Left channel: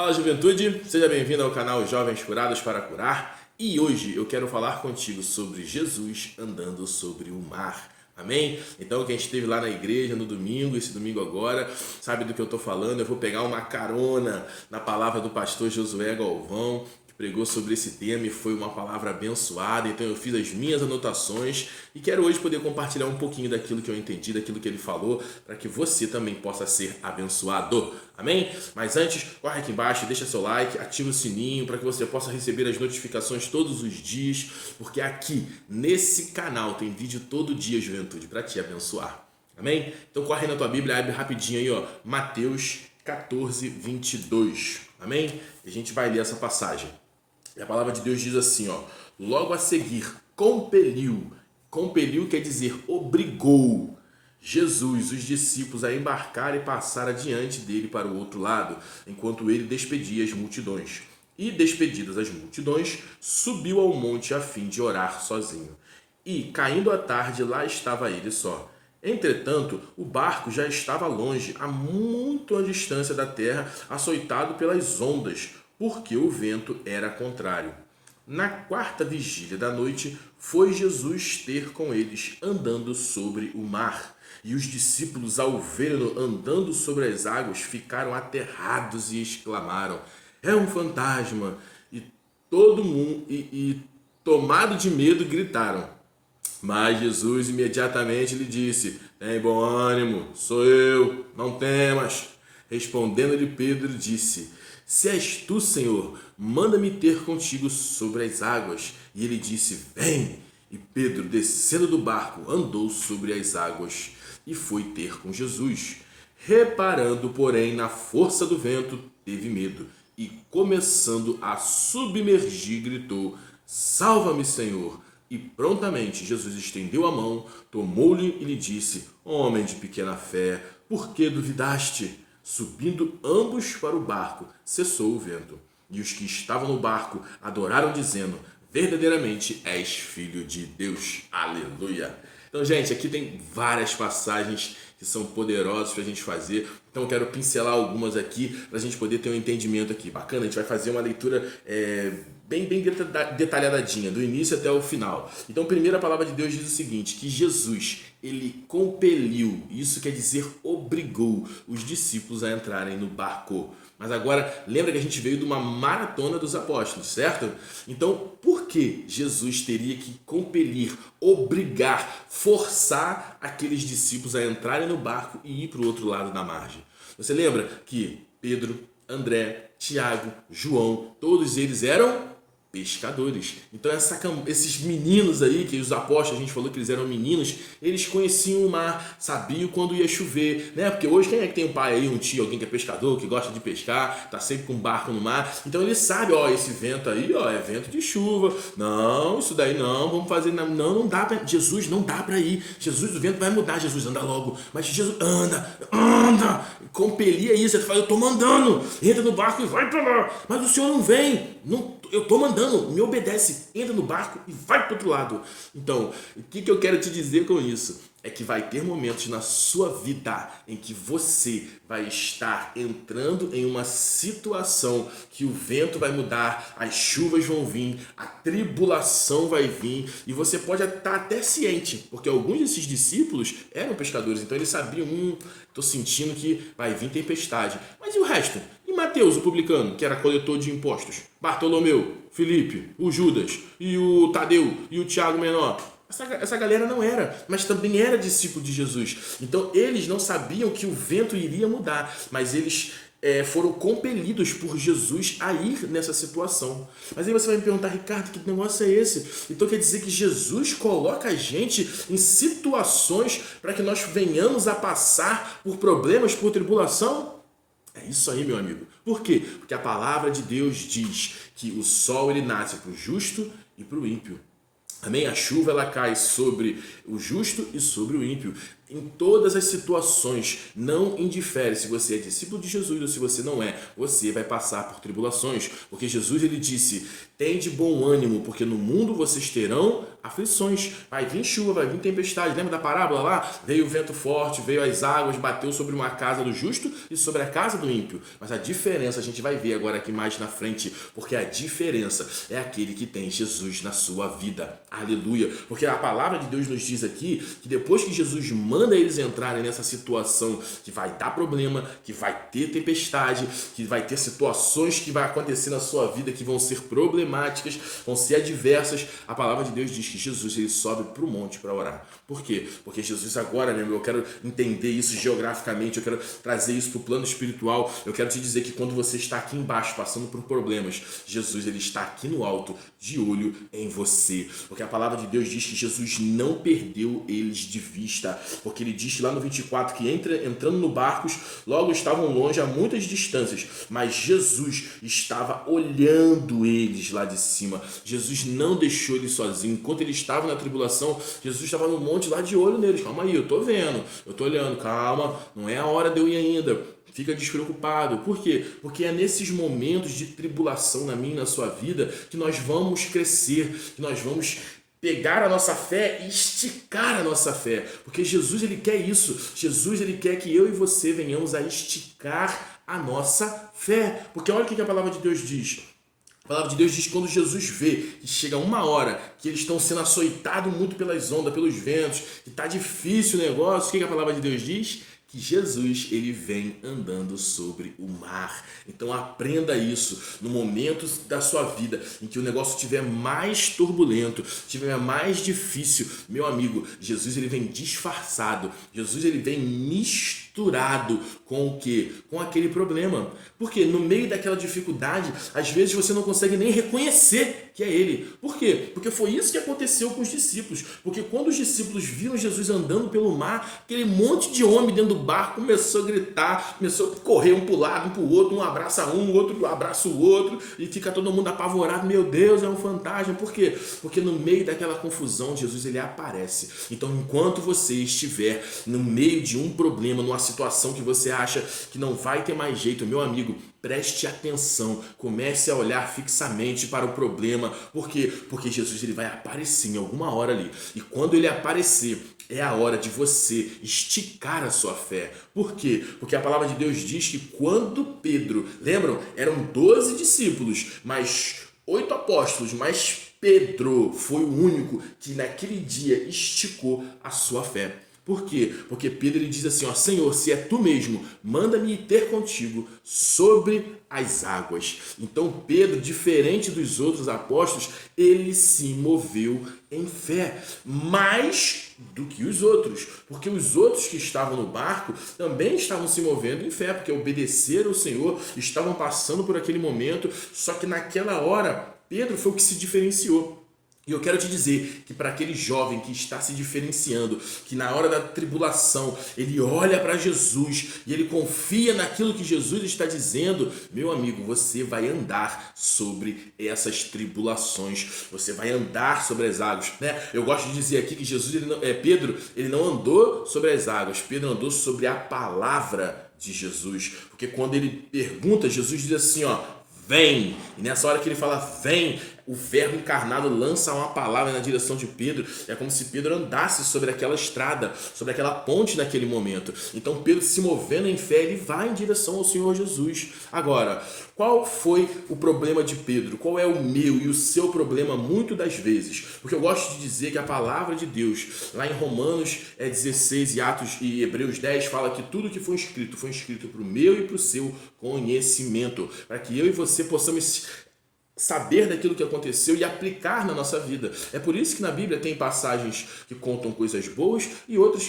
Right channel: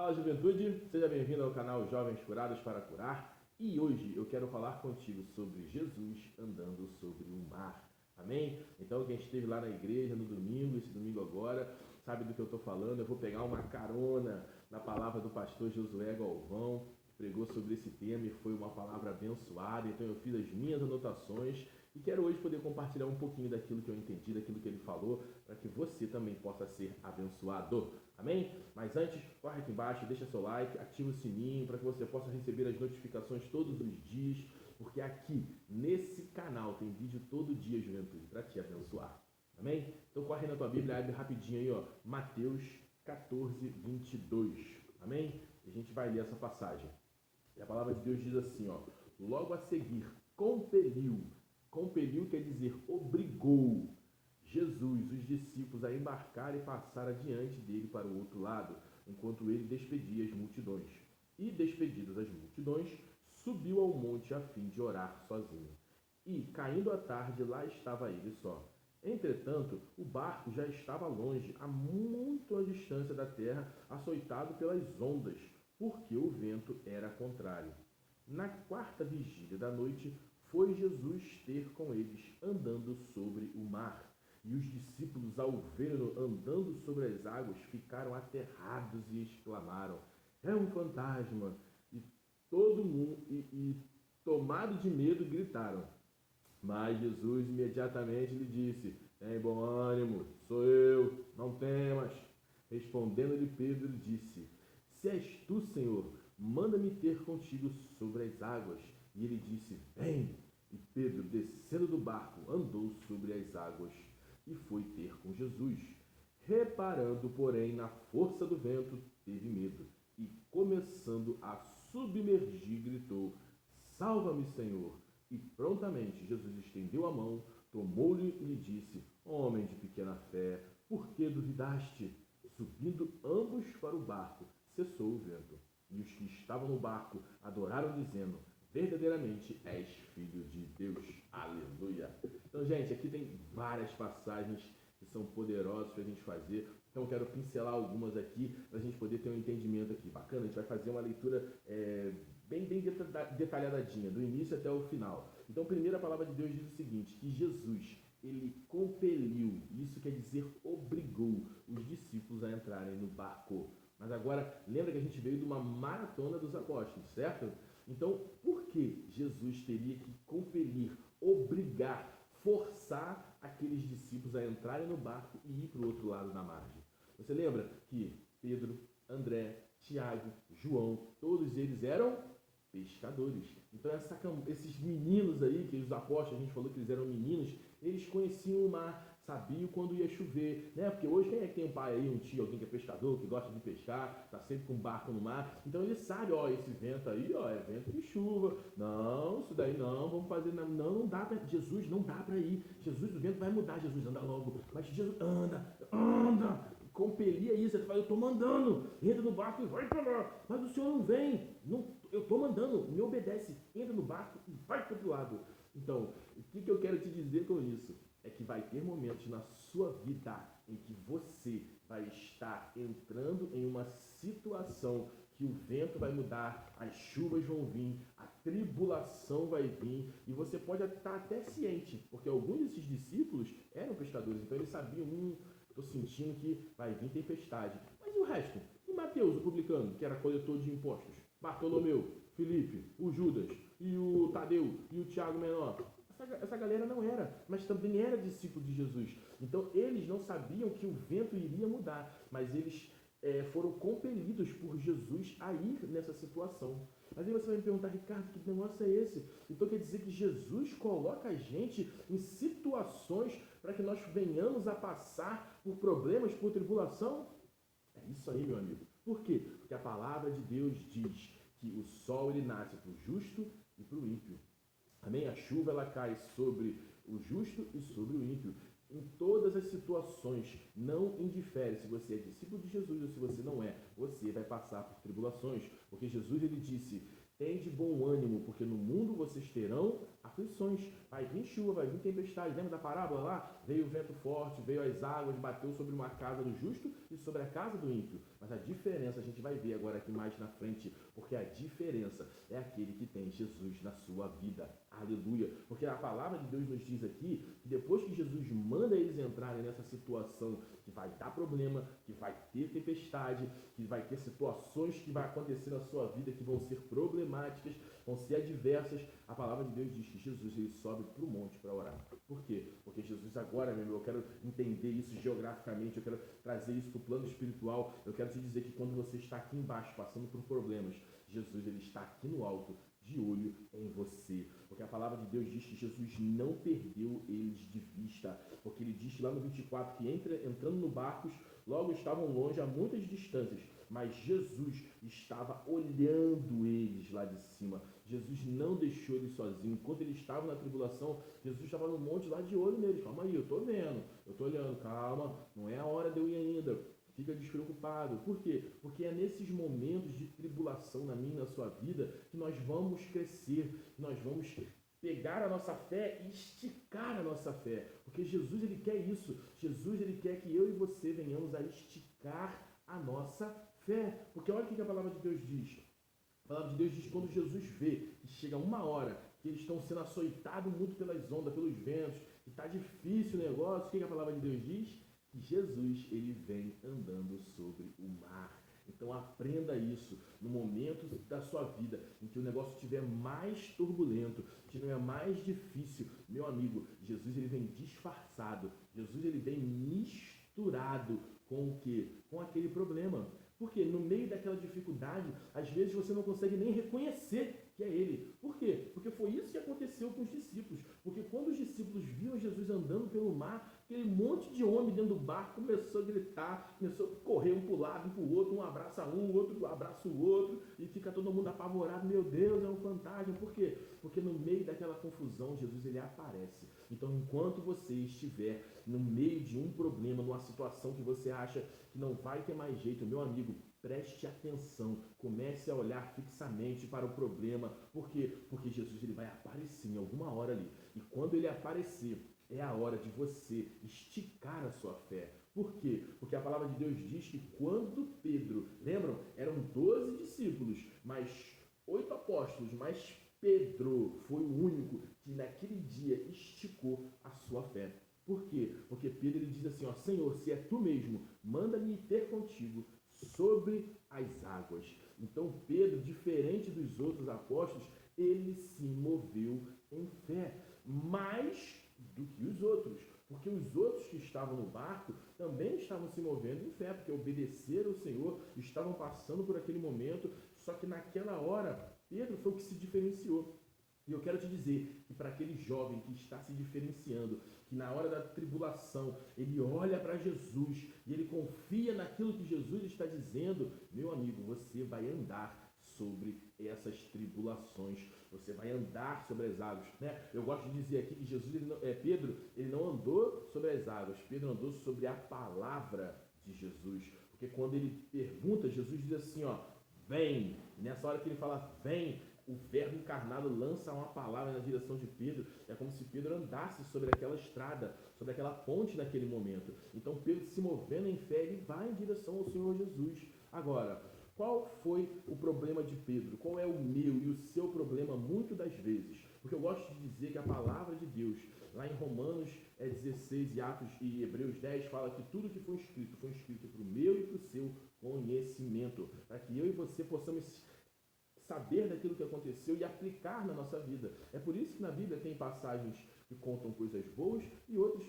Fala, juventude, seja bem-vindo ao canal Jovens Curados para Curar, e hoje eu quero falar contigo sobre Jesus andando sobre o mar. Amém? Então quem esteve lá na igreja no domingo, esse domingo agora, sabe do que eu estou falando. Eu vou pegar uma carona na palavra do pastor Josué Galvão, que pregou sobre esse tema e foi uma palavra abençoada. Então eu fiz as minhas anotações e quero hoje poder compartilhar um pouquinho daquilo que eu entendi, daquilo que ele falou, para que você também possa ser abençoado. Amém? Mas antes, corre aqui embaixo, deixa seu like, ativa o sininho para que você possa receber as notificações todos os dias, porque aqui nesse canal tem vídeo todo dia, juventude, para te abençoar. Amém? Então corre na tua Bíblia, abre rapidinho aí, ó, Mateus 14, 22. Amém? E a gente vai ler essa passagem. E a palavra de Deus diz assim, ó: logo a seguir, compeliu. Compeliu quer dizer obrigou Jesus, os discípulos, a embarcar e passar adiante dele para o outro lado, enquanto ele despedia as multidões. E, despedidas as multidões, subiu ao monte a fim de orar sozinho. E, caindo a tarde, lá estava ele só. Entretanto, o barco já estava longe, a muito distância da terra, açoitado pelas ondas, porque o vento era contrário. Na quarta vigília da noite, foi Jesus ter com eles, andando sobre o mar. E os discípulos, ao vê-lo andando sobre as águas, ficaram aterrados e exclamaram: é um fantasma! E todo mundo, tomado de medo, gritaram. Mas Jesus imediatamente lhe disse: tem bom ânimo, sou eu, não temas. Respondendo-lhe Pedro, disse: se és tu, Senhor, manda-me ter contigo sobre as águas. E ele disse: vem. E Pedro, descendo do barco, andou sobre as águas e foi ter com Jesus. Reparando, porém, na força do vento, teve medo e, começando a submergir, gritou: salva-me, Senhor! E prontamente Jesus estendeu a mão, tomou-lhe e lhe disse: homem de pequena fé, por que duvidaste? Subindo ambos para o barco, cessou o vento. E os que estavam no barco adoraram, dizendo: verdadeiramente és filho de Deus. Aleluia! Então, gente, aqui tem várias passagens que são poderosas para a gente fazer. Então, eu quero pincelar algumas aqui para a gente poder ter um entendimento aqui. Bacana, a gente vai fazer uma leitura bem detalhadinha, do início até o final. Então, primeiro a palavra de Deus diz o seguinte, que Jesus, ele compeliu, isso quer dizer obrigou os discípulos a entrarem no barco. Mas agora, lembra que a gente veio de uma maratona dos apóstolos, certo? Então, por que Jesus teria que compelir, obrigar, forçar aqueles discípulos a entrarem no barco e ir para o outro lado da margem? Você lembra que Pedro, André, Tiago, João, todos eles eram pescadores. Então esses meninos aí, que os apóstolos, a gente falou que eles eram meninos, eles conheciam o mar, sabiam quando ia chover, né? Porque hoje quem é que tem um pai aí, um tio, alguém que é pescador, que gosta de pescar, tá sempre com um barco no mar, então ele sabe, ó, esse vento aí, ó, é vento de chuva, não, isso daí não, vamos fazer, não dá pra, Jesus, não dá pra ir, Jesus, o vento vai mudar, Jesus, anda logo, mas Jesus, anda, compelia isso, ele fala, eu tô mandando, entra no barco e vai pra lá, mas o senhor não vem, não, eu tô mandando, me obedece, entra no barco e vai pro outro lado. Então, o que eu quero te dizer com isso? É que vai ter momentos na sua vida em que você vai estar entrando em uma situação que o vento vai mudar, as chuvas vão vir, a tribulação vai vir e você pode estar até ciente, porque alguns desses discípulos eram pescadores, então eles sabiam, tô sentindo que vai vir tempestade. Mas e o resto? E Mateus, o publicano, que era coletor de impostos? Bartolomeu, Filipe, o Judas, e o Tadeu, e o Tiago menor? Essa galera não era, mas também era discípulo de Jesus. Então eles não sabiam que o vento iria mudar, mas eles foram compelidos por Jesus a ir nessa situação. Mas aí você vai me perguntar, Ricardo, que negócio é esse? Então quer dizer que Jesus coloca a gente em situações para que nós venhamos a passar por problemas, por tribulação? É isso aí, meu amigo. Por quê? Porque a palavra de Deus diz que o sol ele nasce para o justo e para o ímpio. Amém? A chuva ela cai sobre o justo e sobre o ímpio. em todas as situações, não indifere se você é discípulo de Jesus ou se você não é, você vai passar por tribulações, porque Jesus ele disse: "Tende bom ânimo, porque no mundo vocês terão aflições". Vai vir chuva, vai vir tempestade. Lembra da parábola lá? Veio o vento forte, veio as águas, bateu sobre uma casa do justo e sobre a casa do ímpio. Mas a diferença a gente vai ver agora aqui mais na frente, porque a diferença é aquele que tem Jesus na sua vida. Aleluia! Porque a palavra de Deus nos diz aqui que depois que Jesus manda eles entrarem nessa situação que vai dar problema, que vai ter tempestade, que vai ter situações que vai acontecer na sua vida que vão ser problemáticas, vão ser adversas, a palavra de Deus diz que Jesus ele sobe para o monte para orar. Por quê? Porque Jesus agora, meu irmão, eu quero entender isso geograficamente, eu quero trazer isso para o plano espiritual, eu quero te dizer que quando você está aqui embaixo passando por problemas, Jesus ele está aqui no alto, de olho em você. Porque a palavra de Deus diz que Jesus não perdeu eles de vista, porque ele diz lá no 24 que entrando no barcos, logo estavam longe a muitas distâncias, mas Jesus estava olhando eles lá de cima. Jesus não deixou eles sozinhos. Enquanto eles estavam na tribulação, Jesus estava no monte lá de olho neles. Calma aí, eu tô vendo, eu tô olhando, calma, não é a hora de eu ir ainda. Fica despreocupado. Por quê? Porque é nesses momentos de tribulação na minha e na sua vida que nós vamos crescer, que nós vamos pegar a nossa fé e esticar a nossa fé. Porque Jesus ele quer isso. Jesus ele quer que eu e você venhamos a esticar a nossa fé. Porque olha o que a palavra de Deus diz. A palavra de Deus diz que quando Jesus vê que chega uma hora que eles estão sendo açoitados muito pelas ondas, pelos ventos, que está difícil o negócio, o que a palavra de Deus diz? Que Jesus ele vem andando sobre o mar. Então aprenda isso no momento da sua vida em que o negócio estiver mais turbulento, estiver mais difícil, meu amigo, Jesus ele vem disfarçado, Jesus ele vem misturado com o quê? Com aquele problema. Porque no meio daquela dificuldade, às vezes você não consegue nem reconhecer que é ele. Por quê? Porque foi isso que aconteceu com os discípulos. Porque quando os discípulos viram Jesus andando pelo mar, aquele monte de homem dentro do barco começou a gritar, começou a correr um para o lado, um para o outro, um abraça um, o outro abraça o outro, e fica todo mundo apavorado. Meu Deus, é um fantasma. Por quê? Porque no meio daquela confusão, Jesus ele aparece. Então, enquanto você estiver no meio de um problema, numa situação que você acha que não vai ter mais jeito, meu amigo, preste atenção, comece a olhar fixamente para o problema. Por quê? Porque Jesus ele vai aparecer em alguma hora ali. E quando ele aparecer, é a hora de você esticar a sua fé. Por quê? Porque a palavra de Deus diz que quando Pedro, lembram? Eram 12 discípulos, mas 8 apóstolos, mas Pedro foi o único que naquele dia esticou a sua fé. Por quê? Porque Pedro ele diz assim, ó, Senhor, se é tu mesmo, manda-me ir ter contigo sobre as águas. Então Pedro, diferente dos outros apóstolos, ele se moveu em fé, mais do que os outros, porque os outros que estavam no barco também estavam se movendo em fé, porque obedeceram ao Senhor, estavam passando por aquele momento, só que naquela hora Pedro foi o que se diferenciou. E eu quero te dizer que para aquele jovem que está se diferenciando, que na hora da tribulação ele olha para Jesus e ele confia naquilo que Jesus está dizendo, meu amigo, você vai andar sobre essas tribulações, você vai andar sobre as águas, né? Eu gosto de dizer aqui que Pedro ele não andou sobre as águas, Pedro andou sobre a palavra de Jesus, porque quando ele pergunta, Jesus diz assim, ó, vem, e nessa hora que ele fala vem, o verbo encarnado lança uma palavra na direção de Pedro, é como se Pedro andasse sobre aquela estrada, sobre aquela ponte naquele momento. Então Pedro, se movendo em fé, ele vai em direção ao Senhor Jesus. Agora, qual foi o problema de Pedro? Qual é o meu e o seu problema muitas das vezes? Porque eu gosto de dizer que a palavra de Deus, lá em Romanos 16 e Atos e Hebreus 10, fala que tudo que foi escrito para o meu e para o seu conhecimento, para que eu e você possamos saber daquilo que aconteceu e aplicar na nossa vida. É por isso que na Bíblia tem passagens que contam coisas boas e outras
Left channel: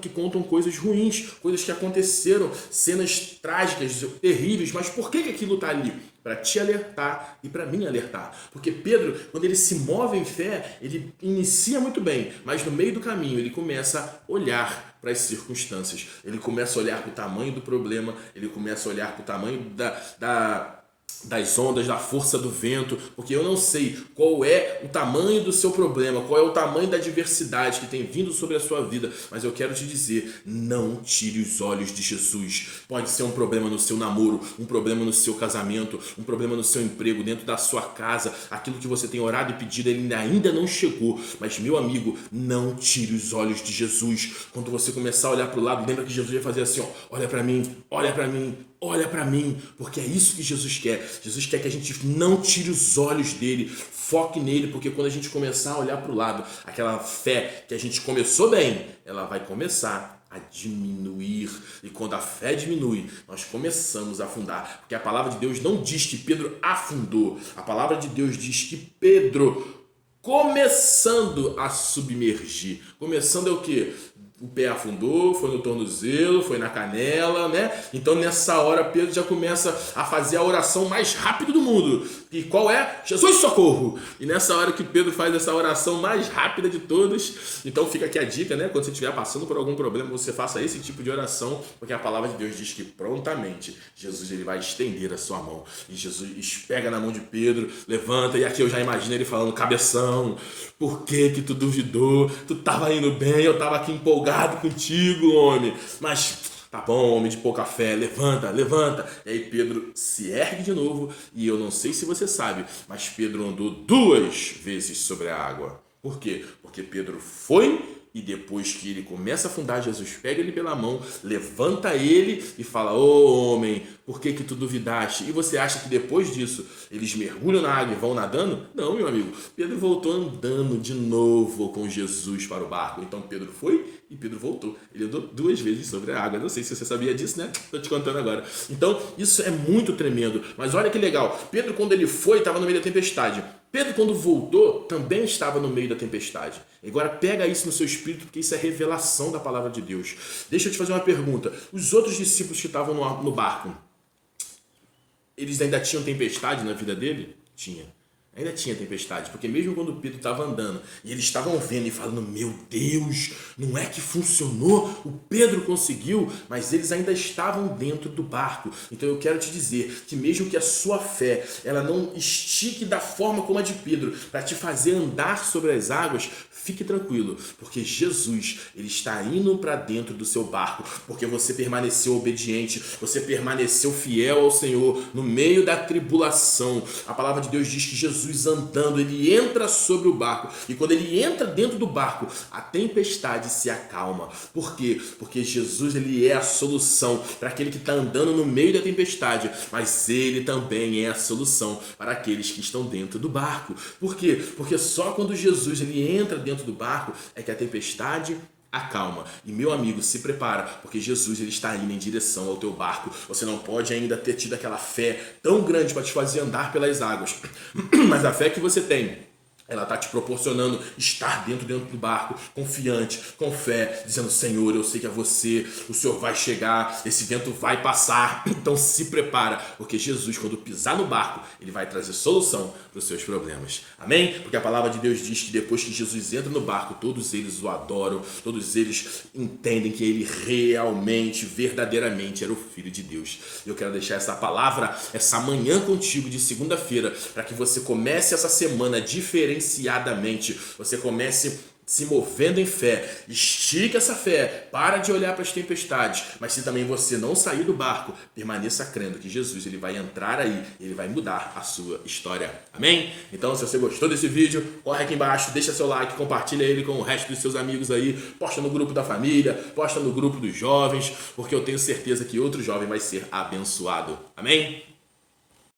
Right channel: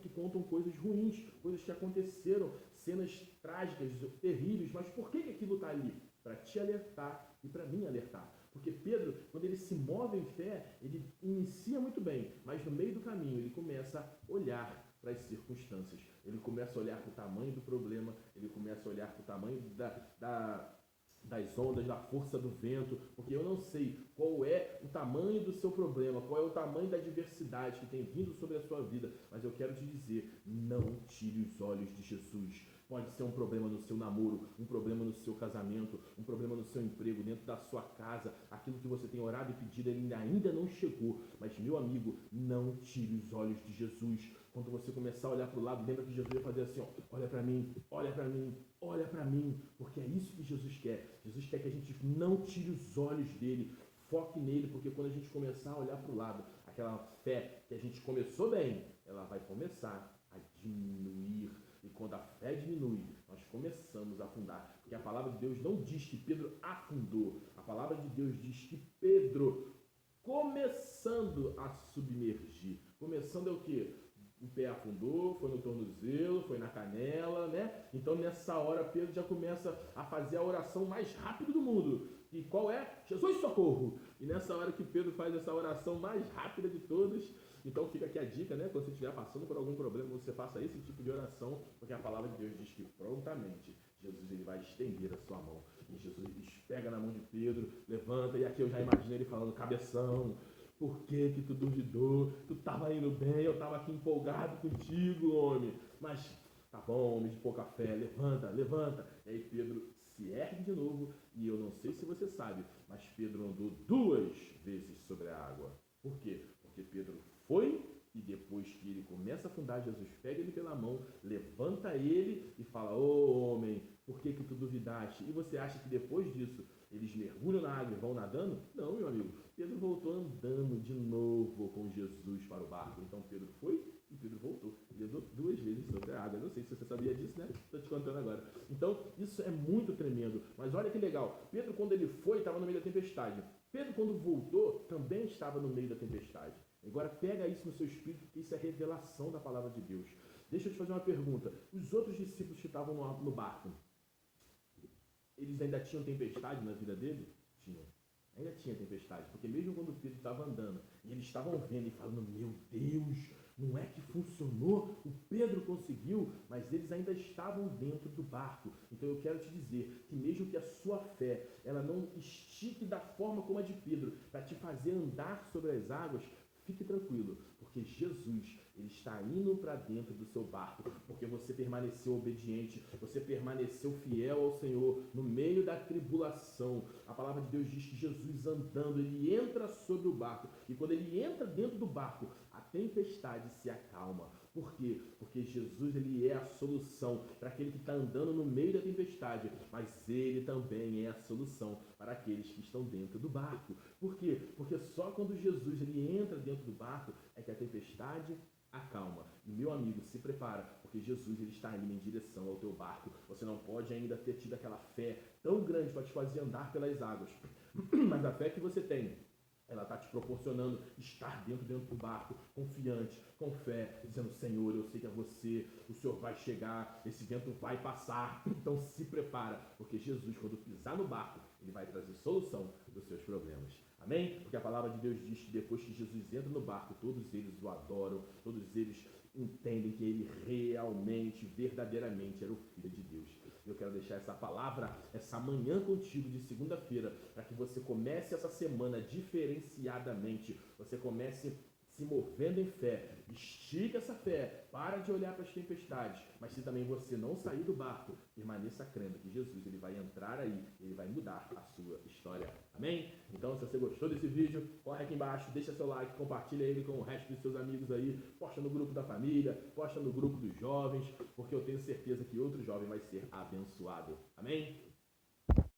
que contam coisas ruins, coisas que aconteceram, cenas trágicas, terríveis, mas por que aquilo está ali? Para te alertar e para mim alertar. Porque Pedro, quando ele se move em fé, ele inicia muito bem, mas no meio do caminho ele começa a olhar para as circunstâncias. Ele começa a olhar para o tamanho do problema, ele começa a olhar para o tamanho das ondas, da força do vento, porque eu não sei qual é o tamanho do seu problema, qual é o tamanho da adversidade que tem vindo sobre a sua vida, mas eu quero te dizer, não tire os olhos de Jesus. Pode ser um problema no seu namoro, um problema no seu casamento, um problema no seu emprego, dentro da sua casa, aquilo que você tem orado e pedido, ele ainda não chegou, mas meu amigo, não tire os olhos de Jesus. Quando você começar a olhar para o lado, lembra que Jesus ia fazer assim, ó, olha para mim, olha para mim, olha para mim, porque é isso que Jesus quer. Jesus quer que a gente não tire os olhos dele, foque nele, porque quando a gente começar a olhar para o lado, aquela fé que a gente começou bem, ela vai começar a diminuir. E quando a fé diminui, nós começamos a afundar. Porque a palavra de Deus não diz que Pedro afundou. A palavra de Deus diz que Pedro, começando a submergir. Começando é o quê? O pé afundou, foi no tornozelo, foi na canela, né? Então nessa hora Pedro já começa a fazer a oração mais rápida do mundo. E qual é? Jesus, socorro! E nessa hora que Pedro faz essa oração mais rápida de todas, então fica aqui a dica, né? Quando você estiver passando por algum problema, você faça esse tipo de oração, porque a palavra de Deus diz que prontamente Jesus ele vai estender a sua mão. E Jesus pega na mão de Pedro, levanta, e aqui eu já imagino ele falando, cabeção, por que tu duvidou? Tu tava indo bem, eu tava aqui empolgado contigo, homem, mas tá bom, homem de pouca fé, levanta, levanta. E aí Pedro se ergue de novo, e eu não sei se você sabe, mas Pedro andou 2 vezes sobre a água. Por quê? Porque Pedro foi, e depois que ele começa a afundar, Jesus pega ele pela mão, levanta ele e fala, ô homem, por que tu duvidaste? E você acha que depois disso eles mergulham na água e vão nadando? Não, meu amigo, Pedro voltou andando de novo com Jesus para o barco. Então Pedro foi e Pedro voltou. Ele andou 2 vezes sobre a água. Não sei se você sabia disso, né? Estou te contando agora. Então isso é muito tremendo. Mas olha que legal, Pedro quando ele foi estava no meio da tempestade. Pedro, quando voltou, também estava no meio da tempestade. Agora pega isso no seu espírito, porque isso é revelação da palavra de Deus. Deixa eu te fazer uma pergunta. Os outros discípulos que estavam no barco, eles ainda tinham tempestade na vida dele? Tinha. Ainda tinha tempestade, porque mesmo quando Pedro estava andando e eles estavam vendo e falando, meu Deus, não é que funcionou, o Pedro conseguiu, mas eles ainda estavam dentro do barco. Então eu quero te dizer que mesmo que a sua fé ela não estique da forma como a de Pedro para te fazer andar sobre as águas, fique tranquilo, porque Jesus ele está indo para dentro do seu barco, porque você permaneceu obediente, você permaneceu fiel ao Senhor no meio da tribulação. A palavra de Deus diz que Jesus andando, ele entra sobre o barco, e quando ele entra dentro do barco, a tempestade se acalma. Por quê? Porque Jesus ele é a solução para aquele que está andando no meio da tempestade, mas ele também é a solução para aqueles que estão dentro do barco. Por quê? Porque só quando Jesus ele entra dentro do barco é que a tempestade acalma. E meu amigo, se prepara, porque Jesus ele está indo em direção ao teu barco. Você não pode ainda ter tido aquela fé tão grande para te fazer andar pelas águas, mas a fé que você tem, ela está te proporcionando estar dentro do barco, confiante, com fé, dizendo, Senhor, eu sei que é você, o Senhor vai chegar, esse vento vai passar, então se prepara, porque Jesus, quando pisar no barco, ele vai trazer solução para os seus problemas. Amém? Porque a palavra de Deus diz que depois que Jesus entra no barco, todos eles o adoram, todos eles entendem que ele realmente, verdadeiramente era o Filho de Deus. Eu quero deixar essa palavra, essa manhã contigo de segunda-feira, para que você comece essa semana diferenciadamente, você comece se movendo em fé, estica essa fé, para de olhar para as tempestades, mas se também você não sair do barco, permaneça crendo que Jesus ele vai entrar aí, ele vai mudar a sua história. Amém? Então, se você gostou desse vídeo, corre aqui embaixo, deixa seu like, compartilha ele com o resto dos seus amigos aí, posta no grupo da família, posta no grupo dos jovens, porque eu tenho certeza que outro jovem vai ser abençoado. Amém?